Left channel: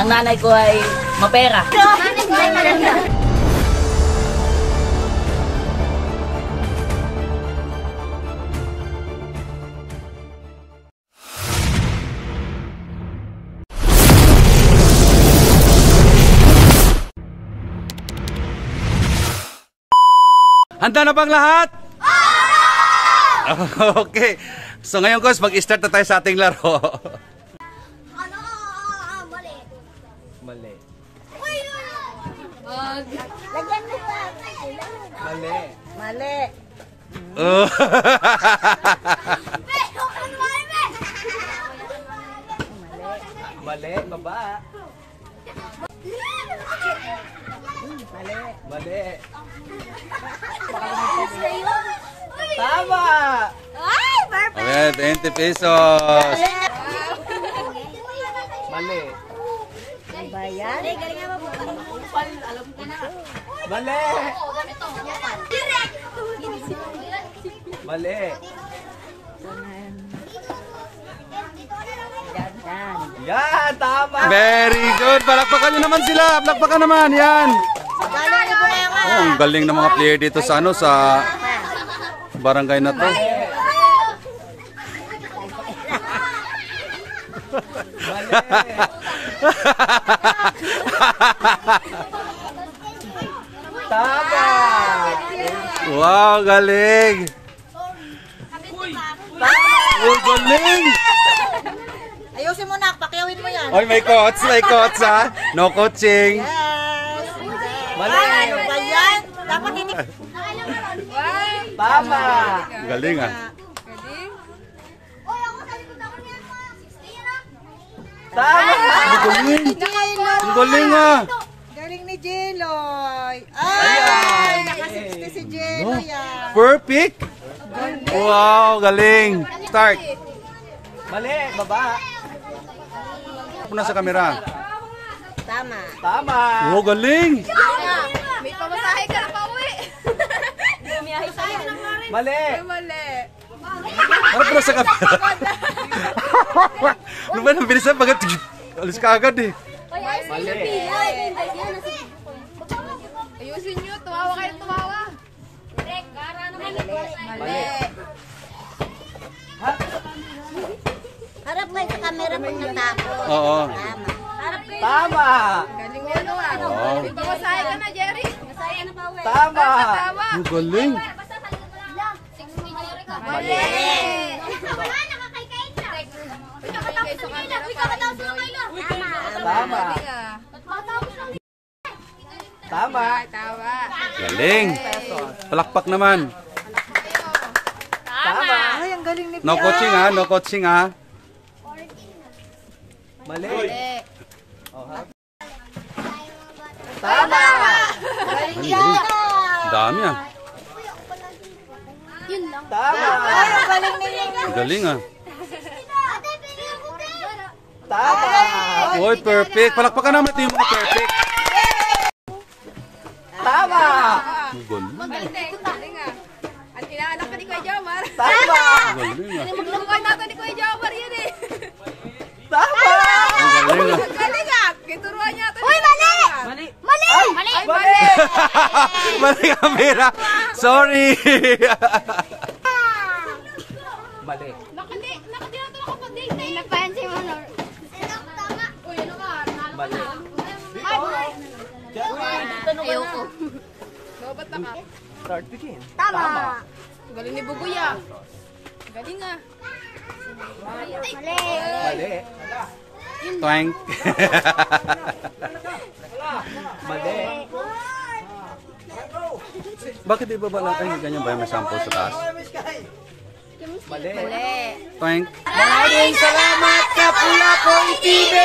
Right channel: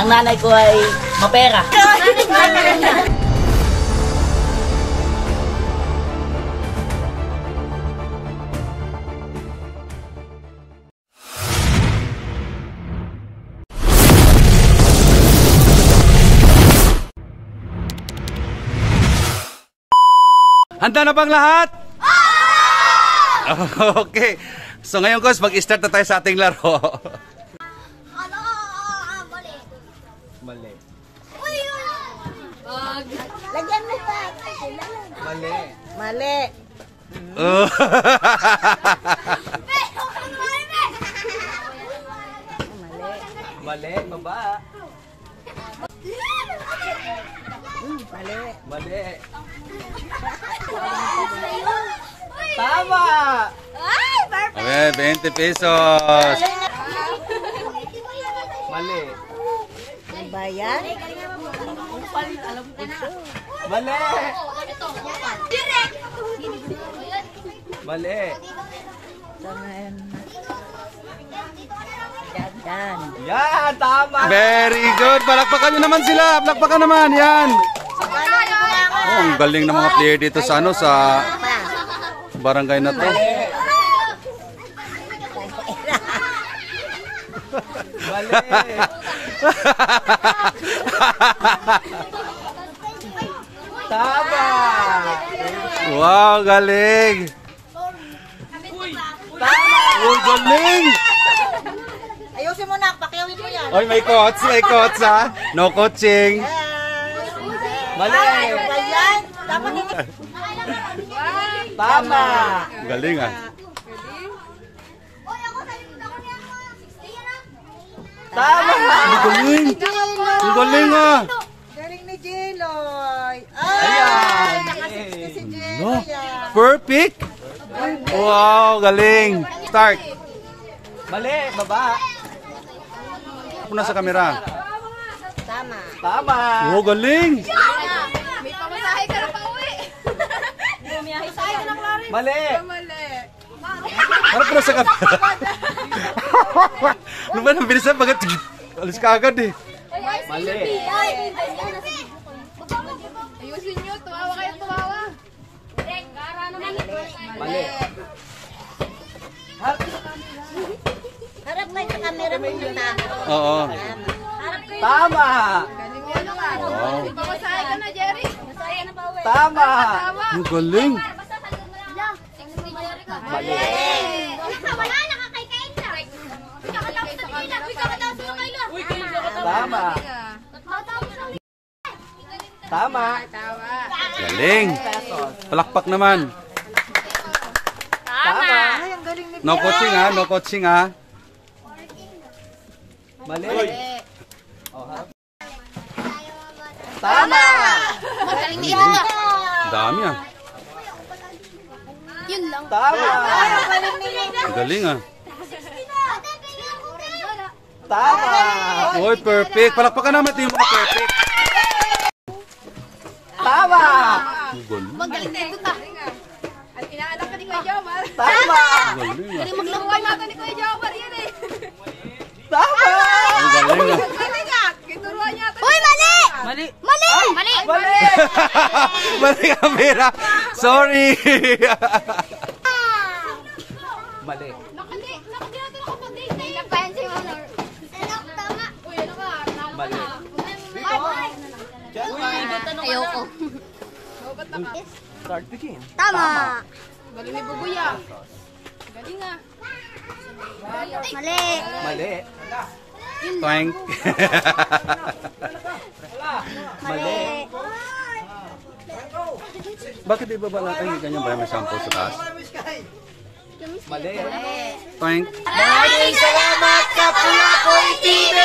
Ang nanay ko ay mapera. Nanay ko ay maganda. Handa na bang lahat? Okay. So ngayon, Kos, mag-start na tayo sa ating laro. Mali. Mali. Lagyan mo pa. Mali. Mali. Oh. Mali, baba. Mali. Mali. Tama! Okay, 20 pesos. Mali. Bayan. Mali. Mali. Yan, tama. Very good. Palakpakan nyo naman sila. Palakpakan naman. Yan. Oh, ang galing ng mga player dito sa ano, sa barangay na to. Tama. Wow, galing. Oh, galing. Ayusin mo na, pakiawin mo yan. Oy, may coach ha. No coaching. Mali. Ayan, dapat hindi. Tama. Galing ah. Tama. Galing. Galing ah. Galing ni Jeloy. Ayan. Naka-60 si Jeloy. Perfect. Wow, galing. Start. Mali, baba. Muna sa kamera. Tama. Tama. Oh, galing. May pamasahe ka na pa uwi. Pamasahe ka ng lari. Mali. Mali. Harap na sa kamera. Ano ba nang bilisan? Bagat, alis ka agad eh. Mali. Ayusin nyo, tumawa kayo, tumawa. Mali. Harap kayo sa camera muna. Oo. Tama. Galing mo ano ah. Wow. Pamasahe ka na, Jerry. Pamasahe ka na pa uwi. Tama. Ang galing. Mali. Tama. Tama. Tawa. Galing. Palakpak naman. Tama. Ay, ang galing ni No coaching ha, no coaching ha. Mali. Oh, harap. Tama. Galing ni Dami ah. Yun lang. Tama. Galing ni Ang galing ah. Tama. Oy, perfect. Palakpakan naman ito yung mga perfect. Tama. Ang galing. Galing ah. At inaanak ka ni Kuya Jomar. Tama. Ang galing ah. Magluwan natin ni Kuya Jomar yan eh. Tama. Ang galing ah. Galing ah. Kituruan niya ito. Uy, mali! Mali! Mali! Mali! Mali! Mali kamera! Sorry! Mali. Nagpayansin mo na. Tama. Uy, ano ka? Mali. Ayoko. Start the game. Tama. Galing ni Bubuya. Galing ah. Mali. Mali. Twank. Mali. Bakit di ba natin yung ganyan ba may sample sa taas? Mali. Twank. Maraming salamat, Kapulakoy TV!